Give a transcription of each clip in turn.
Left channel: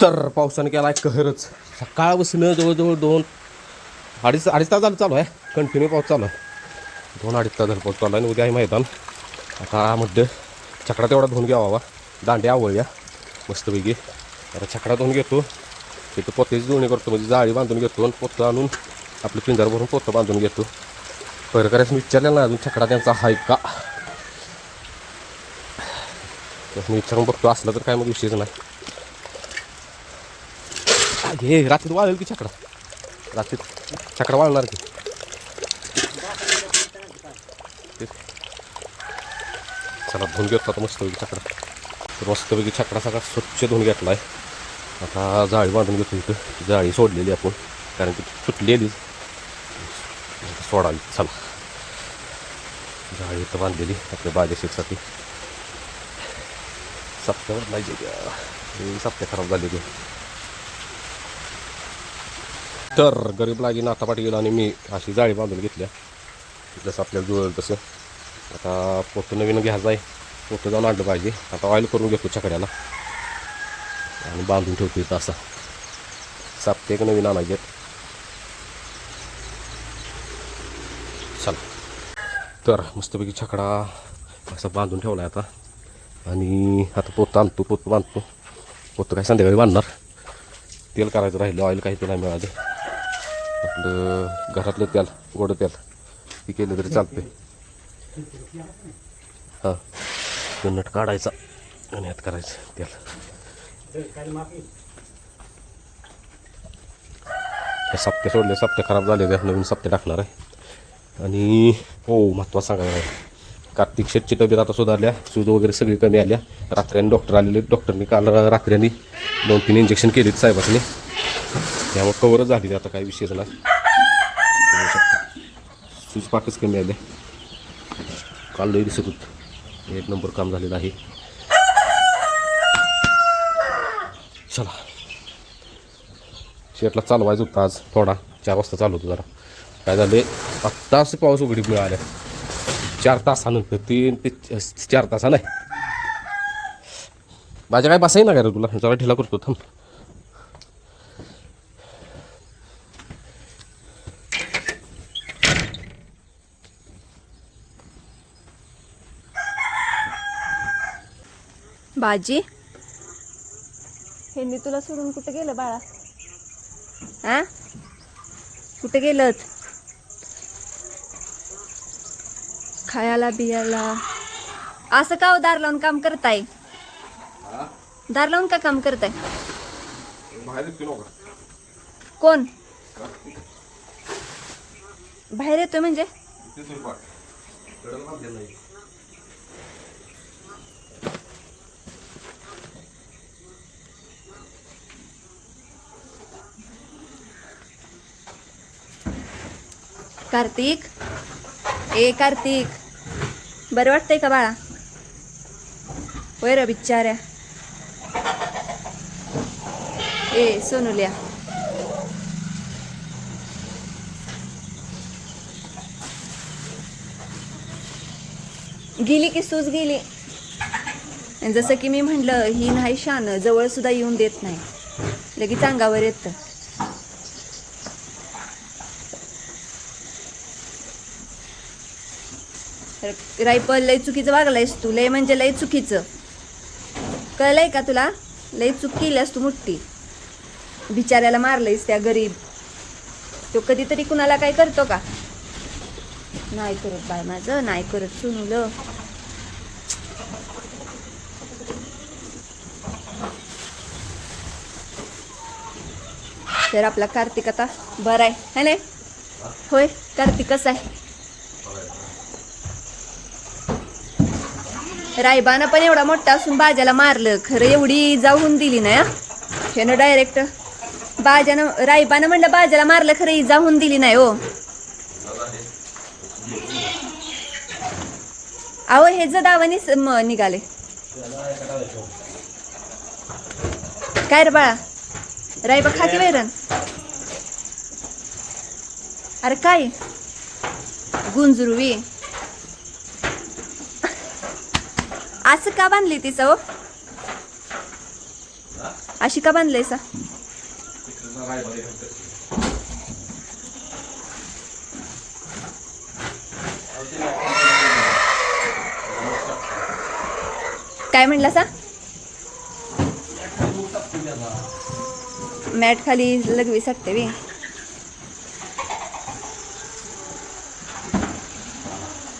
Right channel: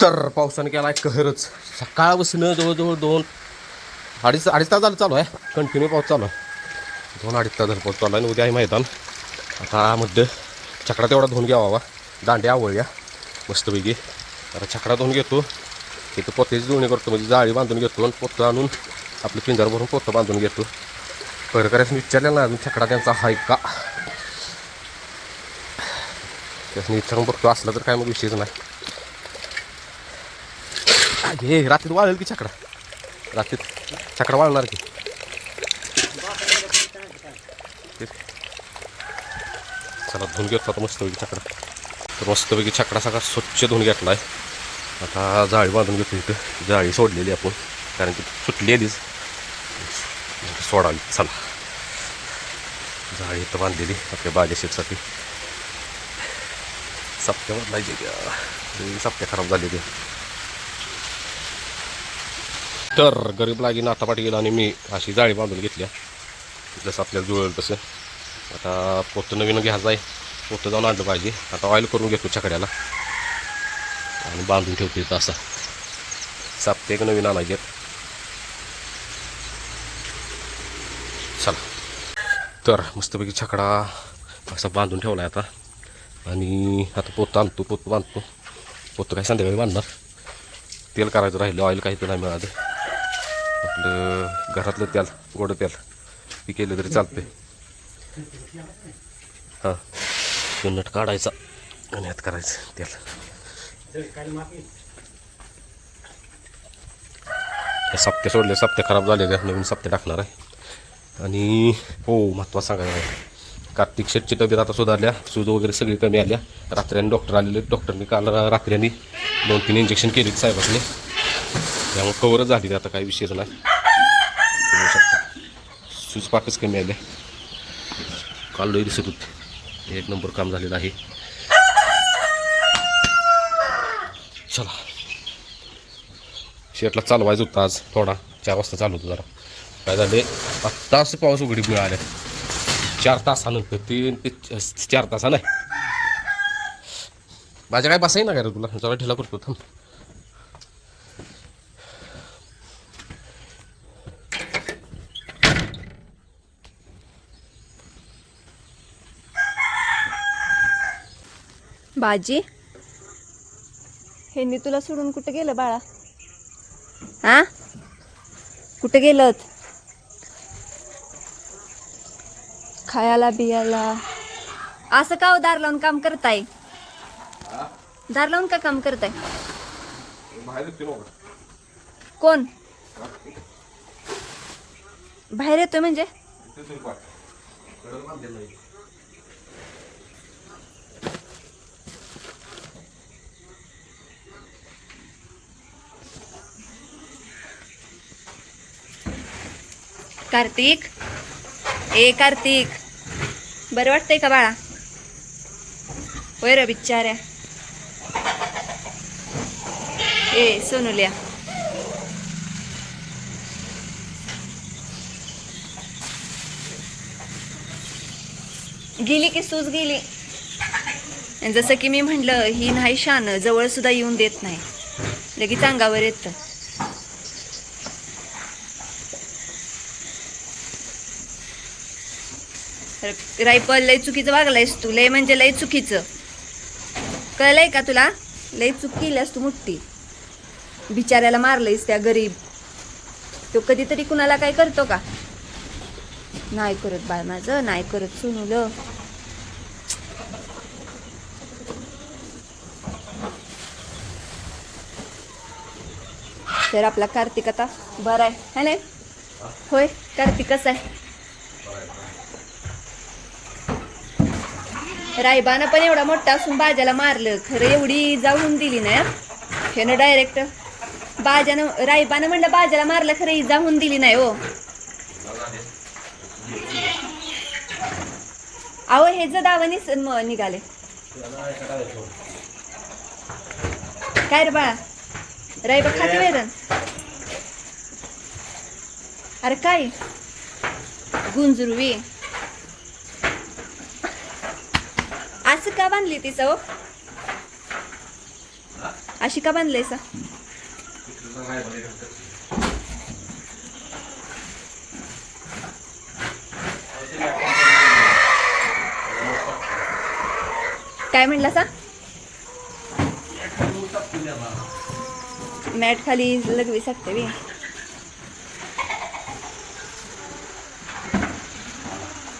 तर पावसाने केला आहे कहरच. सकाळपासून जवळजवळ अडीच तास झालं चालू आहे. कंटिन्यू पाऊस चालू आहे. 2-2.5 तास झालं पाऊस चालू आहे. आणि उद्या आहे मैदान. आता मध्ये छकडा तेवढा धुवून घ्यावा. दांड्या आवळल्या मस्तपैकी. आता छकडा धुवून घेतो. तिथं पोत्याची जुळणी करतो, म्हणजे जाळी बांधून घेतो आणि पोतं आणून आपलं पिंजर भरून पोतं बांधून घेतो. परकऱ्याचं विचारलेलं ना अजून छकडा त्यांचा आहे का, त्याच्यानी विचारून बघतो. असला तर काय मग विषयच नाही. हे रात्रीत वाळेल की छकडा, रात्रीत छकडा वाळणार की. चला धुवून घेतो आता मस्तपैकी छकडा. तर मस्तपैकी छकडा सगळा स्वच्छ धुवून घेतला आहे. आता जाळी बांधून घेतो. इथं जाळी सोडलेली आपण, कारण की सुटलेलीच सोडावी. चला जाळी इथं बांधलेली आपल्या बाजेशीसाठी. सप्त्यावर नाही गेली, सप्त्या खराब झालेली. तर गरीब लागी नातापाट गेला आणि मी अशी जाळी बांधून घेतल्या जसं आपल्याला जुळेल तसं. आता पोतं नवीन घ्यायचं आहे, पोतं जाऊन आणलं पाहिजे. आता ऑइल करून घेतो छकड्याला आणि बांधून ठेवतो इथं. असा साप्ते एक नवीन आणायचे. चला तर मस्तपैकी छकडा असा बांधून ठेवला आहे आता. आणि आता पोतं आणतो, पोतं बांधतो. पोतं काय संध्याकाळी बांधणार. तेल करायचं राहिलं, ऑइल काही तर नाही मिळालं. आपलं घरातलं तेल, गोडं तेल ते केलं तरी चालते. हां नट काढायचा आणि ह्यात करायचं तेल. सप्ते सोडले, सप्ते खराब झाले, नवीन सप्ते टाकणार आहे. आणि हो महत्त्वाचं सांगायला, कार्तिक शेटची तब्येत आता सुधारल्या. सूज वगैरे सगळी कमी आल्या. रात्र्याने डॉक्टर आलेले, डॉक्टरनी काल रात्र्याने 2-3 इंजेक्शन केले साहेबांनी. त्यामुळे कवरच झाली, आता काही विषयच नाही. सूज पाकच कमी आल्या. काल लई दिसत होते. एक नंबर काम झालेलं आहे. चला शेटला चालवायचं होतं आज थोडा. 4 वाजता चालू होतं. जरा काय झाले आत्ता असं पाऊस उघडीप मिळाल्या 4 तासानंतर. 3 ते 4 तासानं माझ्या काय बसाही ना काय रे तुला. जरा ढिला करतो थांब. बाजी ह्यांनी तुला सोडून कुठे गेलं बाळा? हा कुठे गेलं? खायला बियाला असं का दार लावून काम करताय? दार लावून का काम करताय? कोण बाहेर येतोय म्हणजे? कार्तिक, ए कार्तिक, बरं वाटतंय का बाळा? होय रे बिचाऱ्या. ए सोनुल्या, गेली की सूज गेली. जसं की मी म्हटलं, ही नाही शान, जवळ सुद्धा येऊन देत नाही, लगेच अंगावर येतं. रायपल लय चुकीचं वागलायस तू. लय म्हणजे लय चुकीचं. कळलंय का तुला? लय चूक केल्यास तू मोठी. बिचाऱ्याला मारलंयस त्या गरीब. तो कधीतरी कुणाला काय करतो का? नाही करत बाळ माझं, नाही करत सुनूलं. तर आपला कार्तिक आता बरा आहे है ना? होय कार्तिक कसा आहे? रायबानं पण एवढा मोठा असून बाजाला मारलं. खरं एवढी जाऊन दिली ना ह्यानं डायरेक्ट. रायबानं म्हणलं बाजाला मारलं, खरं ही जाऊन दिली नाही हो. अहो हे जर दावानी निघाले काय रे बाळा? रायबा खाते वैरण? अरे काय गुंजरुवी असं का बांधली ती सव? अशी का बांधलंयसा? काय म्हणला सा? मॅट खाली लगवी सकते बी.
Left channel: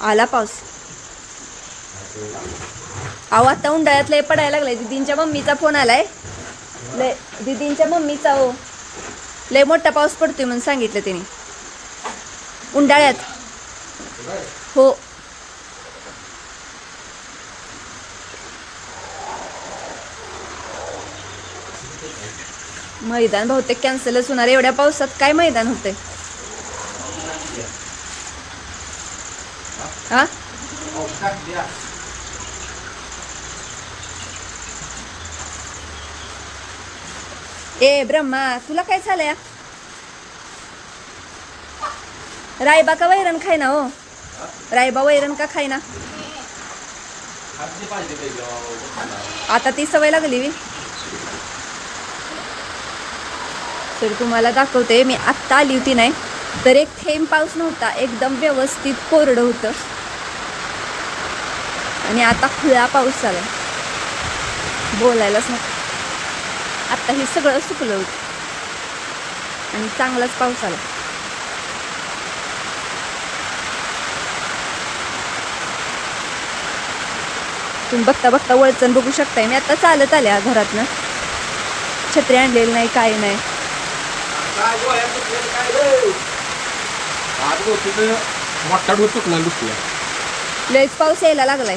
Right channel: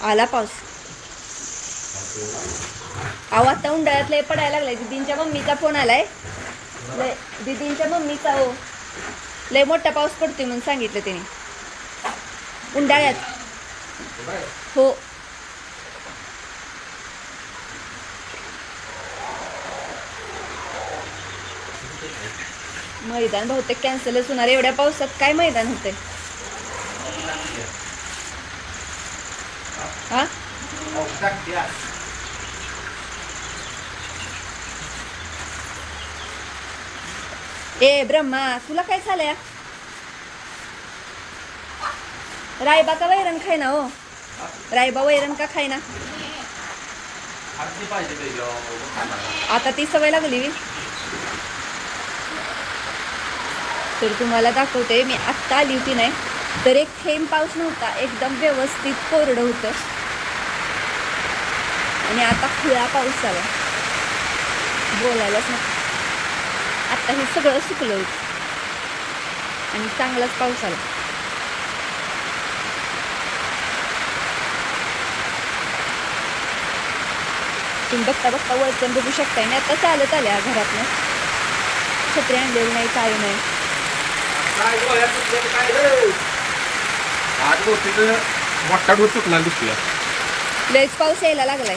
आला पाऊस. अहो आता उंडाळ्यात लय पडायला लागलाय. दीदींच्या मम्मीचा फोन आलाय. लय दीदींच्या मम्मीचा हो लय मोठा पाऊस पडतोय म्हणून सांगितलं त्याने उंडाळ्यात. हो मैदान बहुतेक कॅन्सलच होणार. एवढ्या पावसात काय मैदान होतंय? हा ए ब्रह्मा तुला काय झालंय? रायबा का वैरण खाय ना? हो रायबा वैरण का खाय ना? आता ती सवय लागली. तर तुम्हाला दाखवते. मी आत्ता आली होती नाही तर एक थेंब पाऊस नव्हता. एकदम व्यवस्थित कोरडं होतं आणि आता खुळा पाऊस आला. बोलायलाच नको. आत्ता हे सगळं सुकलं होतं आणि चांगलाच पाऊस आला. तुम्ही बघता बघता वळचण बघू शकताय. आणि आता चालत आल्या घरातनं. छत्री आणलेली नाही काय नाही. लयच पाऊस यायला लागलाय.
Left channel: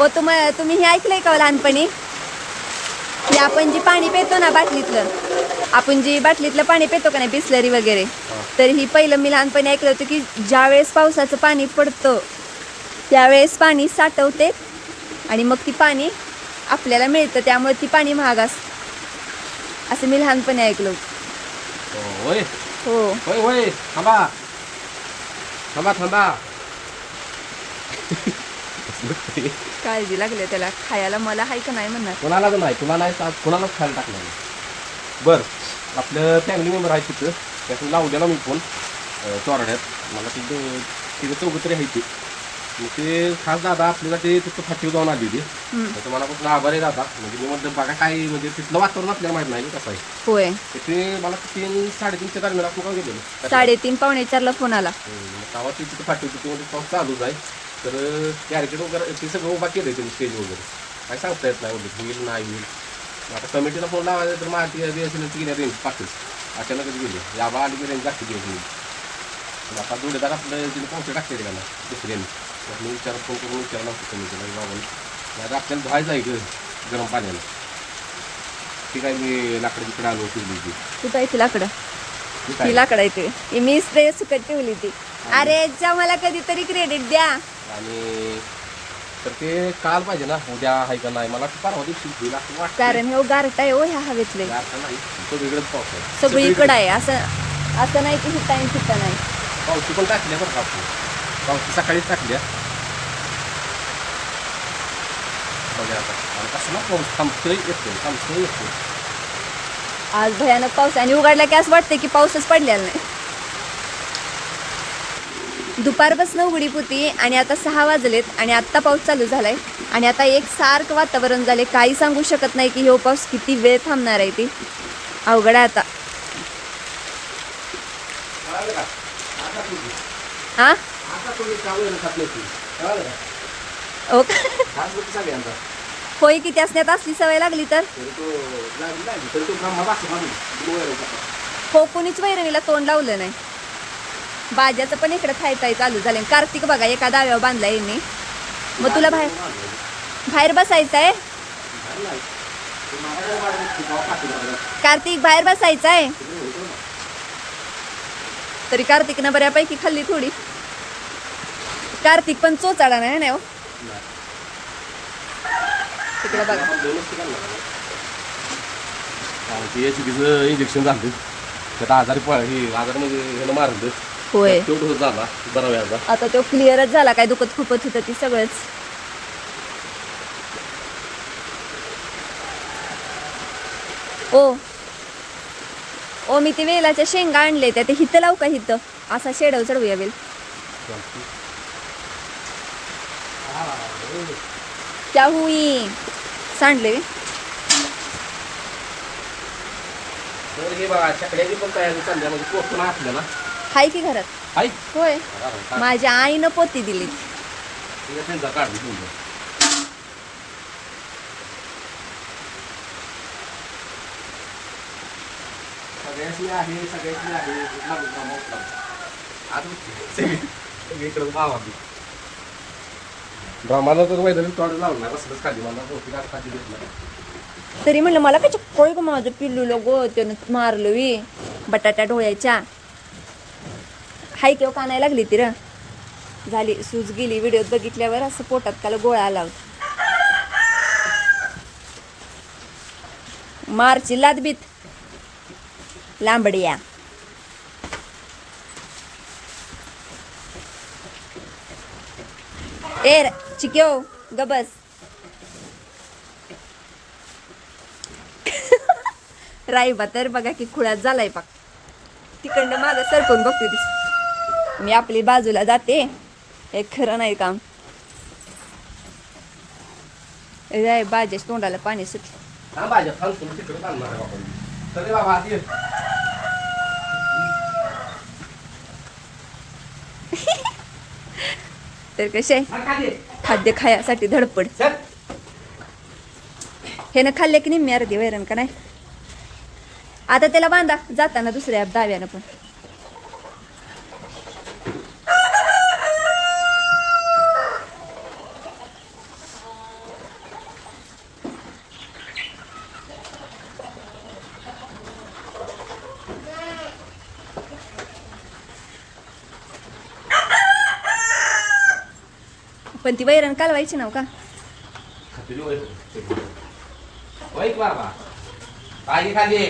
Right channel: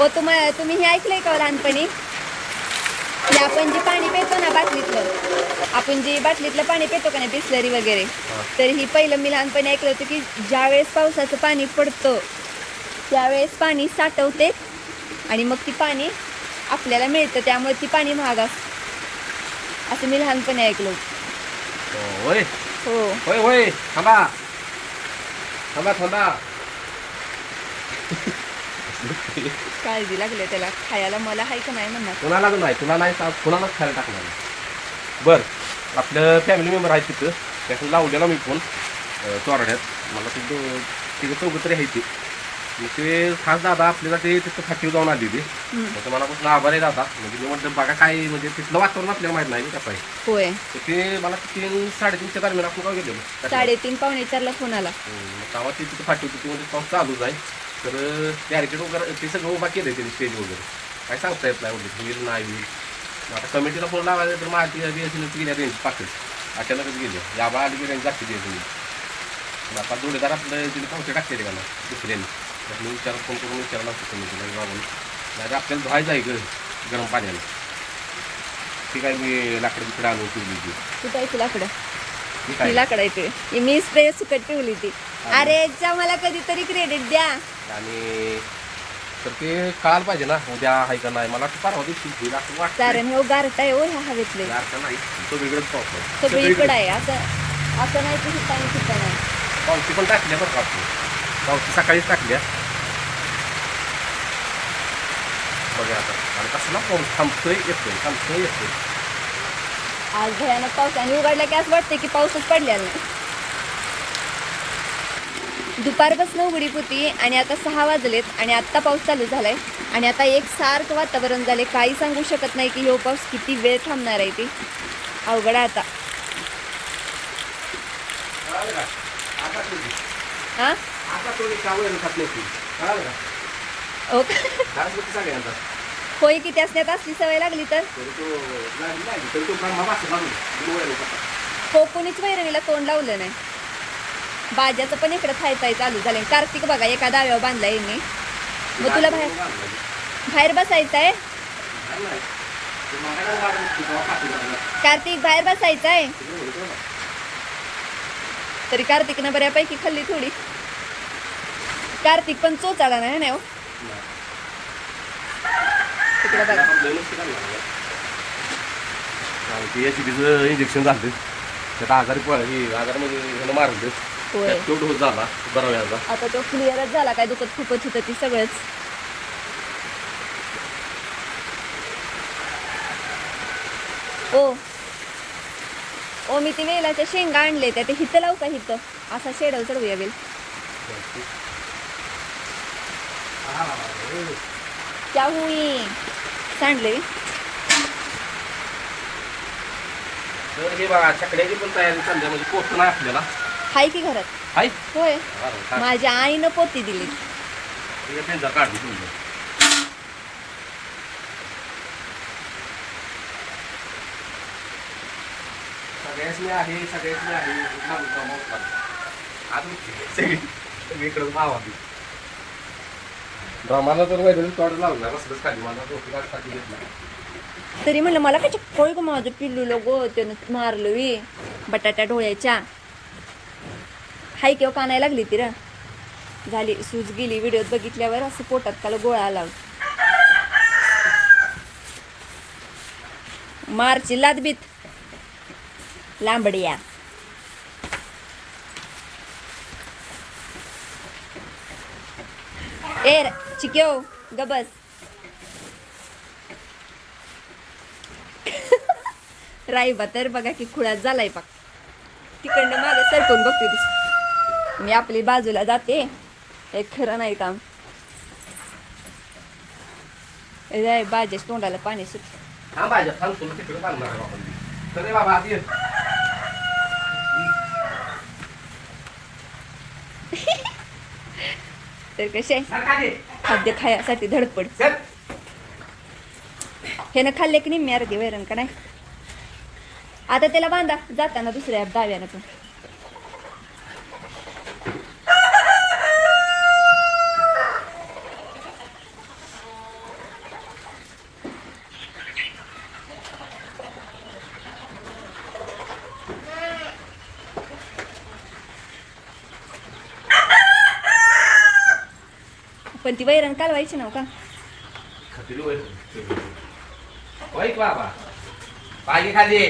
ओ तुम्ही हे ऐकलंय का लहानपणी की आपण जे पाणी पितो ना बाटलीतलं, आपण जे बाटलीतलं पाणी पितो का नाही बिस्लरी वगैरे, तर ही पहिलं मी लहानपणी ऐकलं होतं की ज्यावेळेस पावसाचं पाणी पडतं त्यावेळेस पाणी साठवते आणि मग ती पाणी आपल्याला मिळतं. त्यामुळे ती पाणी महाग असतं असं मी लहानपणी ऐकलं होतं. होय हो होय होय. थांबा थांबा थांबा. काळजी लागली त्याला खायला. मला हाय का नाही म्हणणार. कुणाला नाही, तुला नाही, कुणालाच खायला टाकणार नाही. बरं आपलं फॅमिली मेंबर आहे तिथं. त्यातून लावलेला मी फोन चोराड्यात. मला तिथे चौघ तरी आहे ती. मग ते खास दादा आपल्यासाठी तिथं फाटीवर जाऊन आली ती. तर मनापासून आभार आहे दादा. म्हणजे मी म्हटलं बघा काय म्हणजे तिथलं वातावरण आपल्याला माहित नाही कसं आहे. होय तर ते मला 3-3:30च्या दरम्यान आपण काय गेलेलो 3:30-4:45 फोन आला. तेव्हा ती तिथं फाटी होती. म्हणजे पाऊस चालूच आहे. तर बॅरिकेड वगैरे ते सगळं उभा केलं त्यांनी स्टेज वगैरे. काय सांगता येत नाही म्हणजे होईल नाही होईल. आता कमिटीला फोन लावायचा तर माझी BSNLची गेल्या रेंज पाकच अचानकच गेली. याबा आली की रेंज लागते BSNL. आता जोडीदार आपलं तिने पावसे टाकते का ना दुसऱ्याने. मी फोन करून विचारायला लागतो कमिटीला की बाबा नाही तर आपल्याला धुवायचं आहे गरम पाण्याला. ती काय मी लाकडं बिकडं आणून ठेवली ती. कुठं आहे ती लाकडं? ती लाकडं आहे मी स्प्रे सुकट ठेवली ती. अरे मला कधीतरी क्रेडिट द्या. आणि तर ते कळायला पाहिजे ना उद्या आहे का नाही. मला परवा दिवशी कारण हे गारठा आहे हो ह्या हवेतले. नाही तो वेगळंच पाऊस आहे सगळीकडे आहे. असं नाही की हिता आणि हिता नाही. पावशी पण टाकल्या बरं का आपण. पावशी सकाळीच टाकल्या. बघा आता आणि कसला पाऊस थांबतोय येतोय. आज भयानक पाऊस आणि उघडला की असं वाटतं की पाऊसच पडलेला नाही. दुपारपासून उघडीप होती आणि आता 6 वाजलेत आणि आत्ता पाऊस चालू झालाय. आणि आता एकसारखं वातावरण झाले. काही सांगू शकत नाही की हो पाऊस किती वेळ थांबणार आहे. ती अवघड आहे आता. हा होय की त्यासण्यात असली सवय लागली तर हो कोणीच वैरणीला तोंड लावलं नाही. बाज्याचं पण इकडे थायताय चालू झाले. कार्तिक बघा एका दाव्यावर बांधलाय यांनी. मग तुला बाहेर बसायचं आहे कार्तिक? बाहेर बसायचं आहे तरी कार्तिकनं बऱ्यापैकी खाल्ली थोडी. कार्तिक पण चोचाळा नाही ना. तिकडे बघा इंजेक्शन झालं त्यात आजारी आजारामध्ये मारून होय तो डोस झाला बरा व्याजा. आता तो क्लिअरच झाला. काय दुखत खूपच होतं ती सगळंच. ओ मी ते वेलाच्या शेंगा आणले त्या ते हिथं लावू का हिथं असा शेडव चढवूया वेल. क्या हुई सांडले. तर हे बघा छकड्याची पण तयारी चालली आहे, म्हणजे पोस्ट नाही आपल्याला. हाय की घरात. हाय होय माझ्या आईनं पोती दिली. त्यांचा काढली तुमचं. सगळ्यासनी आहे सगळ्यासनी आहे आज इकडं मावा ड्रामाला तर मैदानी तोड लावणार असलंच खाली मला रोटी खाली घेतला. तरी म्हणलं मला काय चक्कोळ ग माझं पिल्लूला गो त्यानं मारलं वी बटाट्या डोळ्याच्या. हाय केव्हा कानाय लागली ती र झाली सूज गेली. व्हिडिओत बघितल्यावर असं पोटात त्याला गोळा आला. मारची लादबीत लांबडिया. ए चिक्यो गबस. राईबा तर बघा की खुळ्यात झालाय पाक. तिकडनं मागं सरकून बघते दिस. मी आपली बाजूला जाते. हे खरं नाही काम. बाजेच तोंडाला पाणी सुटलं. हा भाज्या फालतून तिकडे बांधणार आहे आपण. चल बाबा आत ये. तर कसे खाद्य खायासाठी धडपड. हे ना खाल्ले की निम्मी अर्धी वैरण का नाही. आता त्याला बांधा जाताना दुसऱ्या डाव्यानं पण. पण ती वैरण कालवायची नाव का. बाबा पाणी खाली.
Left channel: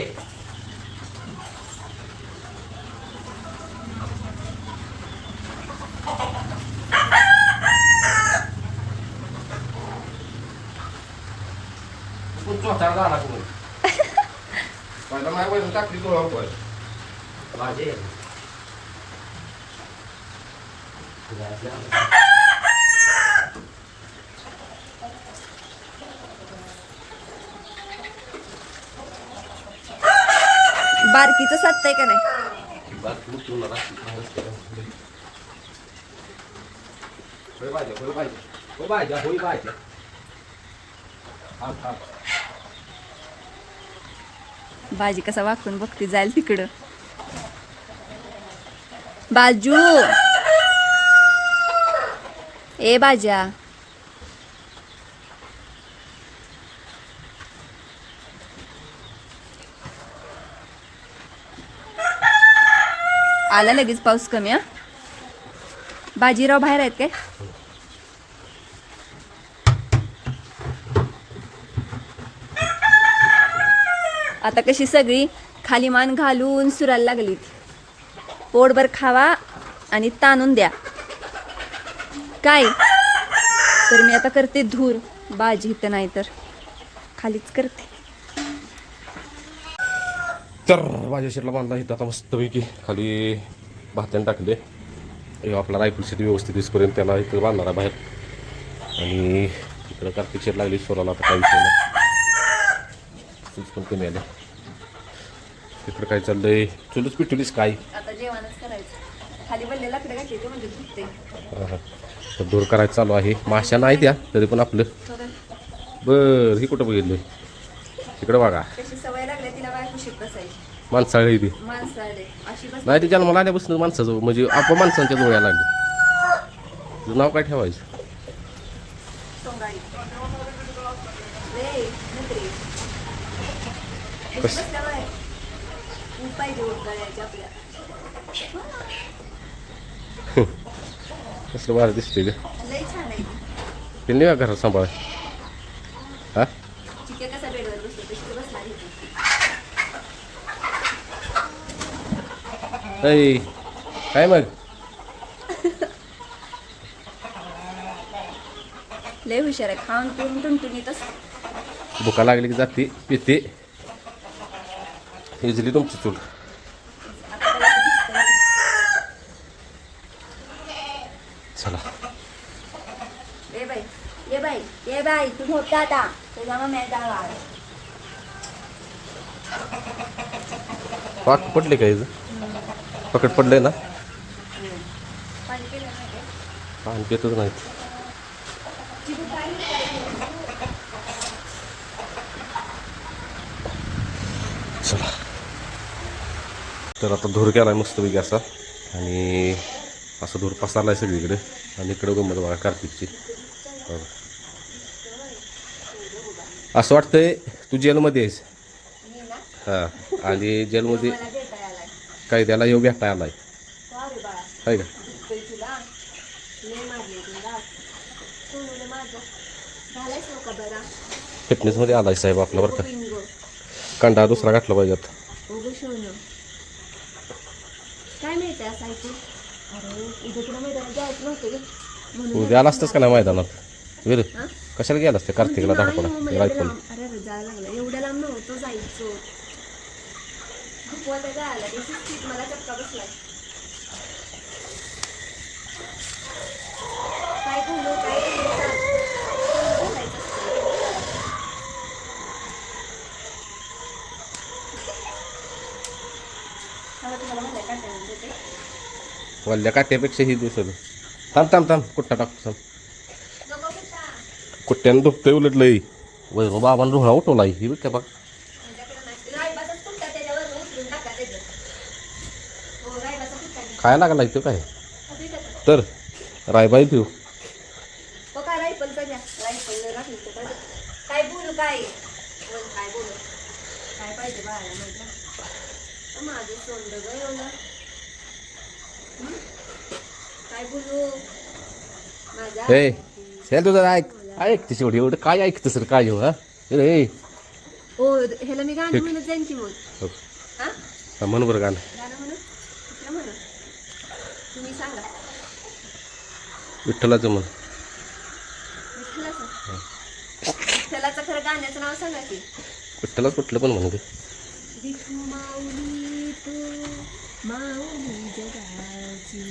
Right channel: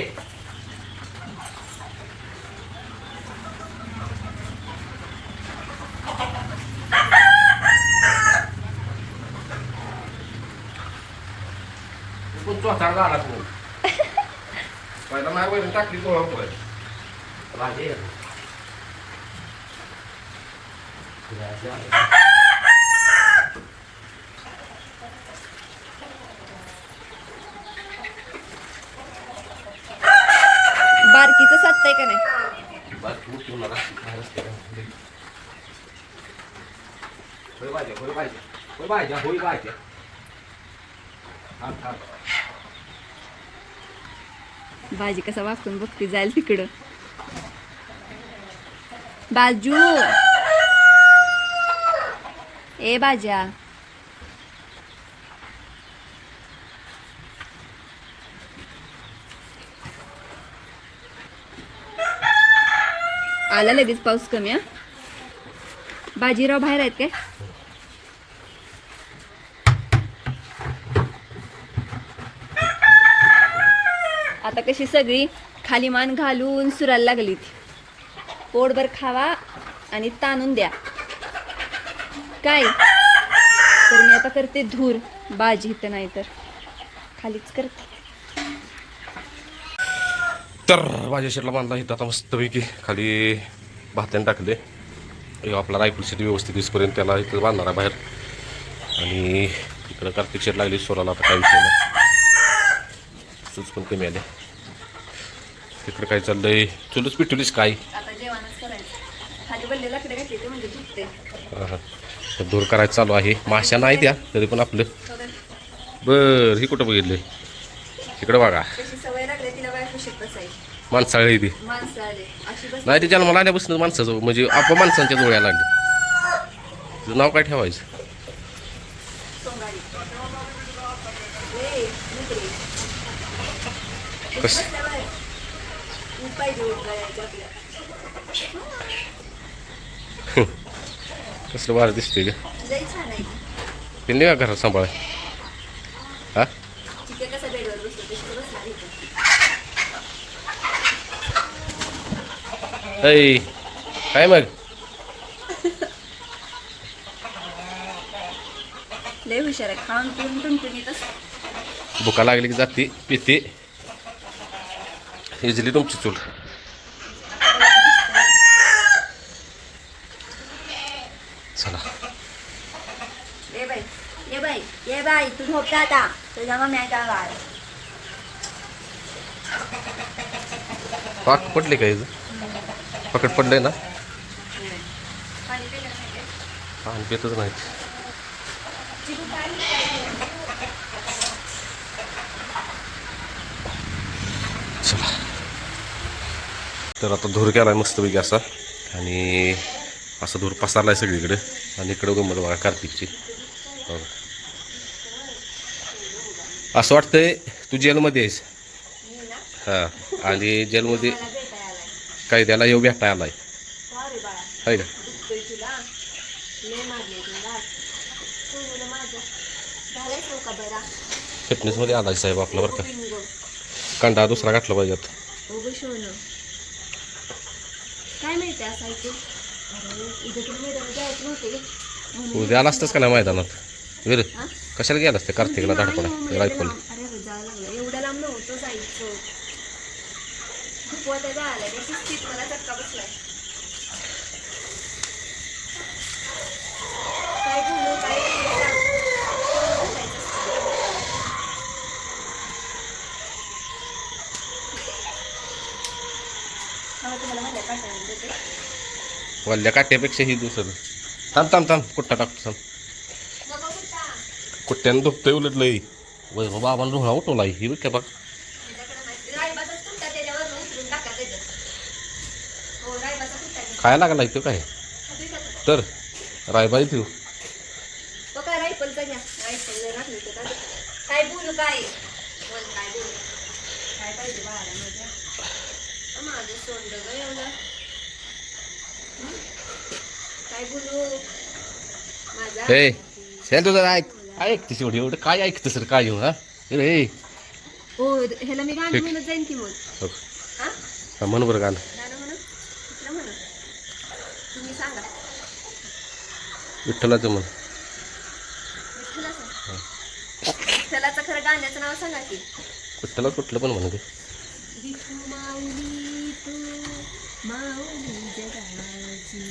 चोचार झाला तुम्ही पहिला माझ्या वैरण टाकली गोळा भाजी. बारकीचं साधतंय का नाही. भाजी कसा वाकून बघते जाईल तिकडं. बाजू ए बाजा. आला लगेच पाऊस कमी. हा बाजीराव बाहेर आहेत काय. आता कशी सगळी खाली मान घालून सुरायला लागली. पोटभर खावा आणि ताणून द्या काय. तर मी आता करते धूर. बाजी इथं नाही तर खालीच करते. तर भाज्या शेटला बांधला इथं आता मस्तपैकी खाली भात्याने टाकले. आपला रायफल शेट व्यवस्थित दिसपर्यंत त्याला इथं बांधणार आहे बाहेर. आणि इकडं कार्तिक शेट लागली सोराला. आता काय विषय नाही. सूज पण कमी आले. इकडं काय चाललंय. चुलच पिटुलीस काय. आता जेवणच करायचं. खाली बनलेला लाकडं घातली ते म्हणजे झुकते. तर दूर करायचं चालू आहे. माश्या नाही द्या तरी पण आपलं. बरं ही कुठं बघितलंय. इकडं बघा कशी सवय लागली तिला काय खुशीत बसायची. माणसाळी ती माणसं आले अशी बस. नाही ते जन्माला आल्यापासून माणसाचं म्हणजे आपण माणसांच्या डोळ्याला लागले. तुझं नाव काय ठेवायचं. सोंगाडी रे मुकरी कसं उपाय देऊन करायचे आपल्या. कसलं बाहेर दिसते का. लई छान आहे. ते नाही का घरात सांभाळ. हा चिके कसा बेडवर बसतो तशी बसणार इथे. ऐ काय मग लय हुशार आहे, खाऊन पिऊन टुनटुनीतच. भुका लागली की जाते पिते. इजली तुमची चूल. चला ये बाई तू झोपता आता, तुझ्या मम्मी आहे. पाक पडले काय पकड पडलंय ना. पाणी पितच नाही. चला तर आता धूर केलाय मस्तपैकी असा आणि असं धूर पसरलाय सगळीकडे. आणि इकडं गंमत बघा कार्तिकची. बघा असं वाटतंय तू जेलमध्ये आहेस. हां आणि जेलमध्ये काय त्याला येऊ भेटाय आलाय आहे का. फिटनेसमध्ये आलाय साहेब आपला बरं का. कंडा दुसरा घातला पाहिजे आता. काय माहिती असं ऐकून. उद्या तुला मैदानात जायचं नव्हतं. उद्या आला असतंच का नाही मैदानात वीर. कशाला गेला असते कार्तिकला धाडपडा रायफल. अरे जायला लागलं एवढ्या लांब नव्हतं जायचं. खूप वाटा जायला त्या शिस्तीत मला चटका बसलाय. काय बोलू काय तुम्हाला माझ्या पाठवून देते. वल्ल्या काट्यापेक्षा ही दुसरं. थांब कुट्टा टाकतो थांब. कुट्ट्यानं दुखतंय उलट लई. वय बाबांना रुळा उठवलाय ही काय बघ. खायला लागला तो काय तर रायबाई तू. काय बोलू काय काय बोलू काय पाहिजे बाळाला माझं सोडलं ग एवढं. काय बोलू माझा हे शेल तुझं ऐक तिची एवढं काय ऐकतं सर काय हो. हा रे हो ह्याला मी गाणं म्हणत जाईन की मग. हा म्हण बरं गाणं. गाणं म्हणू कुठलं म्हणू तुम्ही सांगा. विठ्ठलाचं म्हण. विठ्ठलाचं खरं गाण्याचं नाव सांगा की. विठ्ठला कुठलं पण म्हणू. विठू माऊली तू माऊली जगाची,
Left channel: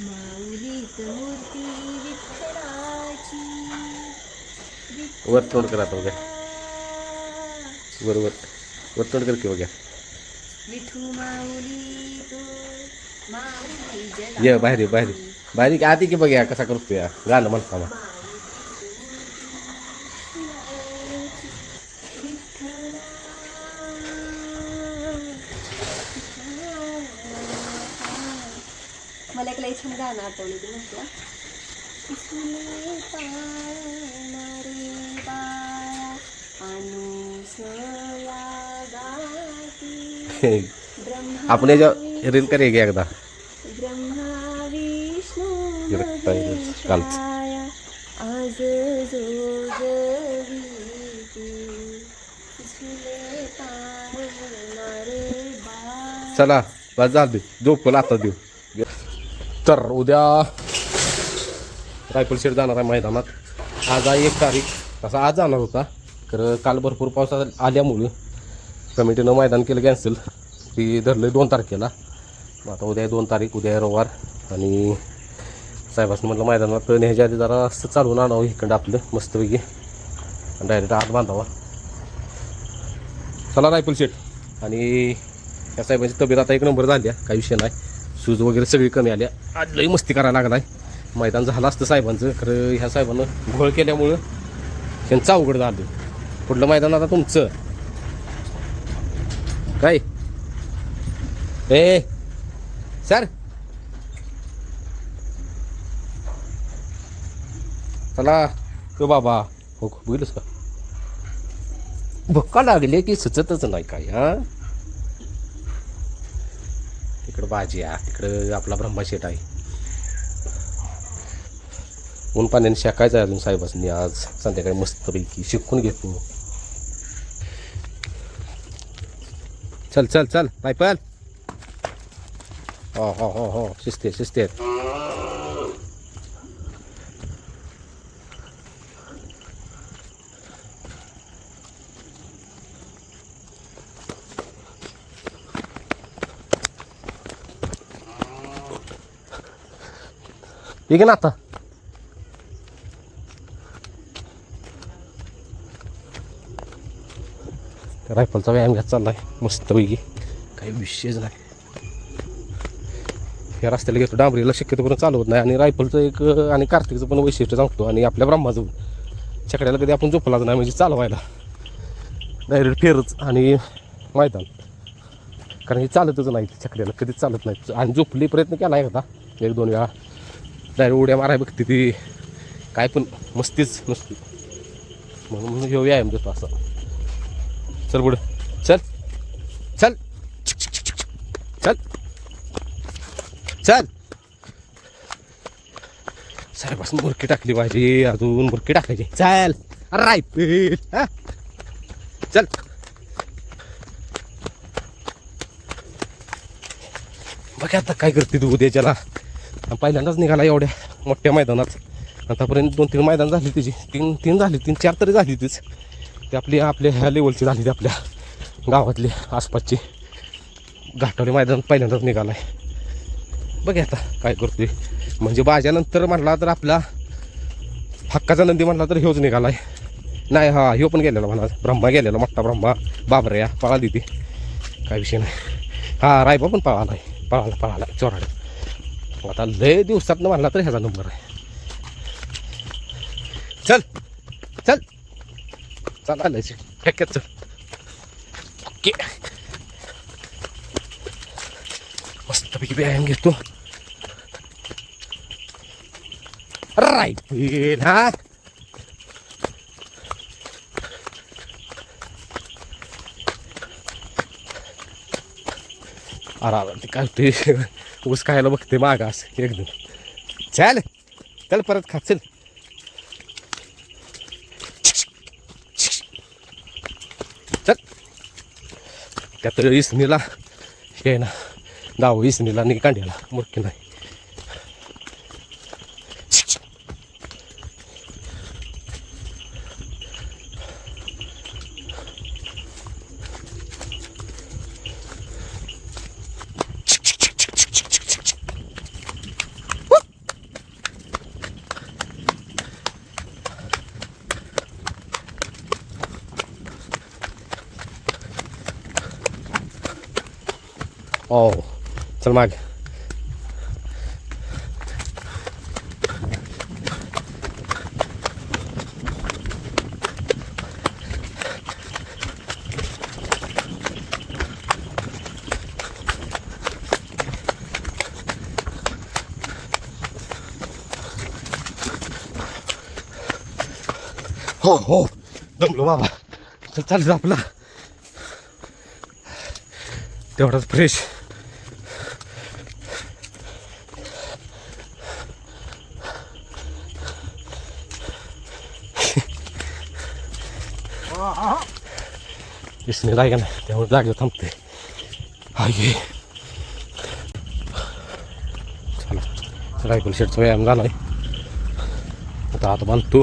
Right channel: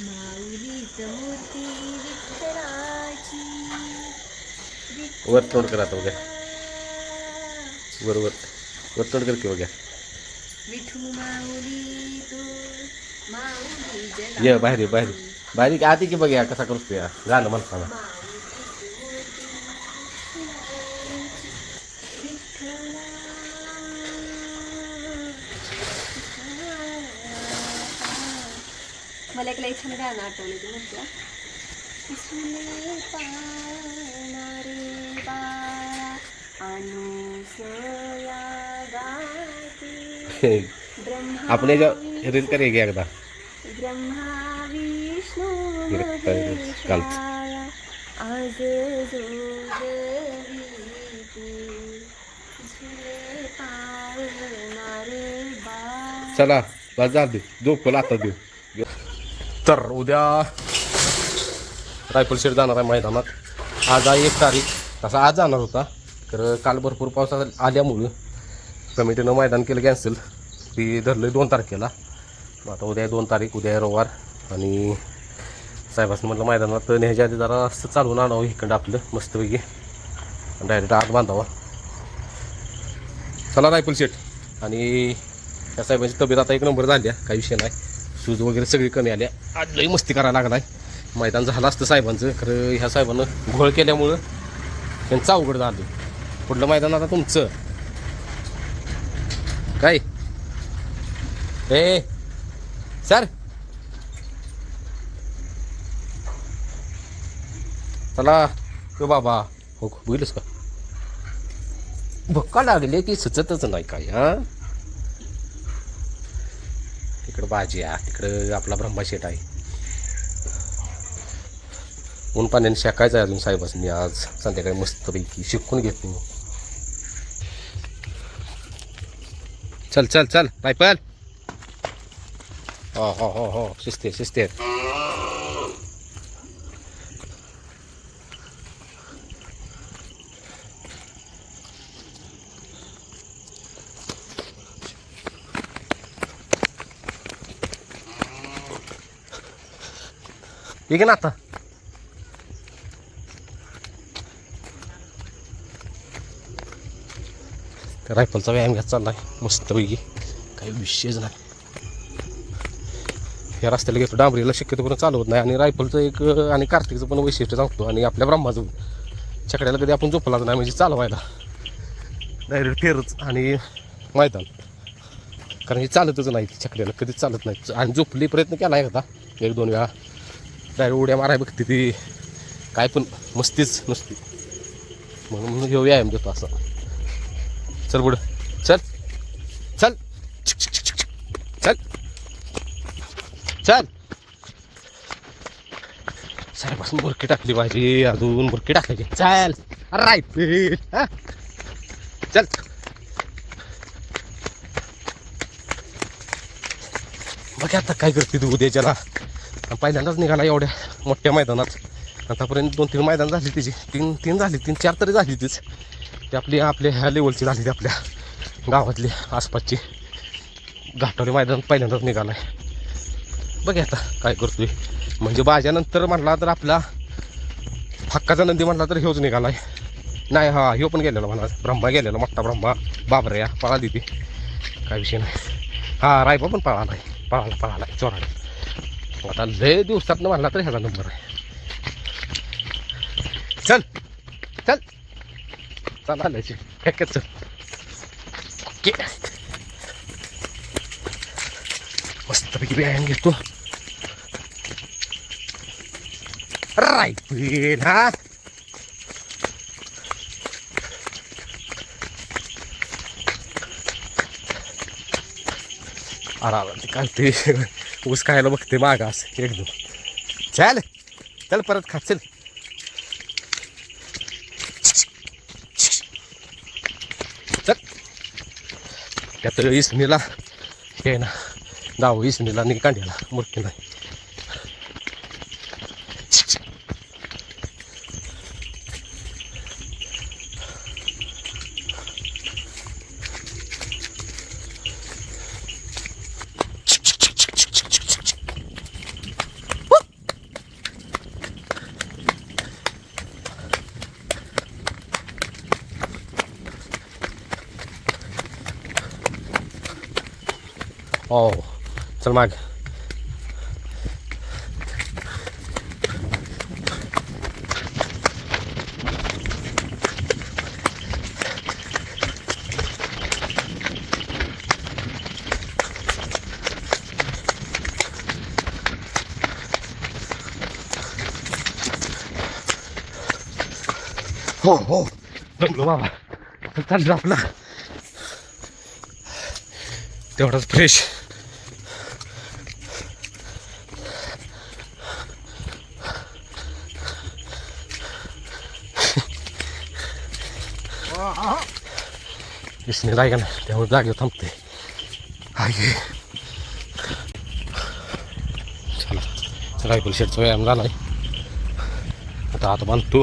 माऊलीत मूर्ती विठ्ठलाची. वर तोंड कर आता बघा. बरोबर वर तोंड कर की बघा. विठू माऊली तू माऊली जगाची. ये बाहेर आधी की बघा कसा करतोय गाणं म्हणताना. मला एक लई छान गाणं आठवलं ती म्हणते. फुले पानारे बाळा अनुसया गाती. आपण याच्या रील करे की एकदा. ब्रह्मा विष्णू कालच आज चला बस जा दे झोपल आता देऊ. तर उद्या रायफल शेड जाणार आहे मैदानात. आज आहे 1 तारीख. तसा आज जाणार होता तर काल भरपूर पाऊस आल्यामुळं कमिटीनं मैदान केलं कॅन्सल. ती धरलं 2 तारखेला. मग आता उद्या 2 तारीख. उद्या रविवार. आणि साहेबांनी म्हटलं मैदानात न्यायच्या आधी जरा असं चालवून आणावं इकडं आपलं मस्तपैकी आणि डायरेक्ट आत बांधावा. चला रायफल शेट. आणि त्या साहेबांची तब्येत आता 1 नंबर झाली आहे. काही विषय नाही. सूज वगैरे सगळी कमी आल्या. आज लई मस्ती करायला लागला आहे. मैदान झालं असतं साहेबांचं खरं ह्या साहेबानं घोळ केल्यामुळं त्यांचं अवघड झालं. पुढलं मैदान आता तुमचं काय. ए सर चला तो बाबा हो बघितलंस का भक्का लागले की सुचतच नाही काय. हा इकडं भाजी आहे तिकडं आपला ब्रह्माशेट आहे. ऊन पाण्याने शेकायचं आहे अजून साहेबांनी. आज संध्याकाळी मस्तपैकी शिकून घेतो. चल चल चल रायफल हो शिस्ते शिस्ते. ये ना आता रायफलचा व्यायाम घ्यायचा चाललाय मस्तपैकी, काही विषयच नाही. या रस्त्याला घेतो डांबरीला शक्यतो करून चालवत नाही. आणि रायफलचं एक आणि कार्तिकचं पण वैशिष्ट्य सांगतो. आणि आपल्या ब्रह्माचं छकड्याला कधी आपण झोपलाच नाही, म्हणजे चालवायला डायरेक्ट फेरच आणि मैदान. कारण हे चालतच नाही छकड्याला, कधीच चालत नाही. आणि झोपली प्रयत्न केला एकदा 1-2 वेळा, डायरेक्ट उड्या माराय बघते ती, काय पण मस्तीच नसती. म्हणून घेऊ व्यायाम देतो असं. चल पुढं चल चल चल चल. साहेबासून बुरकी टाकली पाहिजे, अजून बुरकी टाकायची. चल राईट हा चल. बघ आता काय करते तू उद्याच्याला. पहिल्यांदाच निघाला एवढ्या मोठ्या मैदानात. आतापर्यंत 2-3 मैदान झाली त्याची, 3 झाली, 3-4 तरी झाली तीच. ते आपल्या ह्या लेवलची झाली, ती आपल्या गावातली आसपासची. घाटावले मैदान पहिल्यांदाच निघाला आहे. बघ आता काय करतोय. म्हणजे बाजानंतर म्हणला तर आपला हक्काचा नंदी म्हणला तर ह्योच निघाला आहे. नाही हा ह्यो पण गेलेला म्हणा, ब्रह्मा गेलेला, मोठा ब्रह्मा बाबऱ्या पळाली ती, काय विषय नाही. हा रायबा पण पळाला चोराला. आता लय दिवसातनं म्हणला तर ह्याचा नंबर आहे. चल चल चल आलायची खेक्यात चल. ओके मस्तपैकी व्यायाम घेतो. राईट हा आराम काढते. ऊस खायला बघते मागास एकदम. चल चल परत खा चल. चल त्यात इसणीला हे ना दाव इसणीला नि कांद्याला मुरकी नाही. ओ चल माग. हो जमलो बाबा. चाललो आपला तेवढाच फ्रेश. इसने राहिला ना त्यामुळे जागेवर थांबते. हाय चला रायफल शेटचा व्यायाम झाला आहे. आता बांधतो.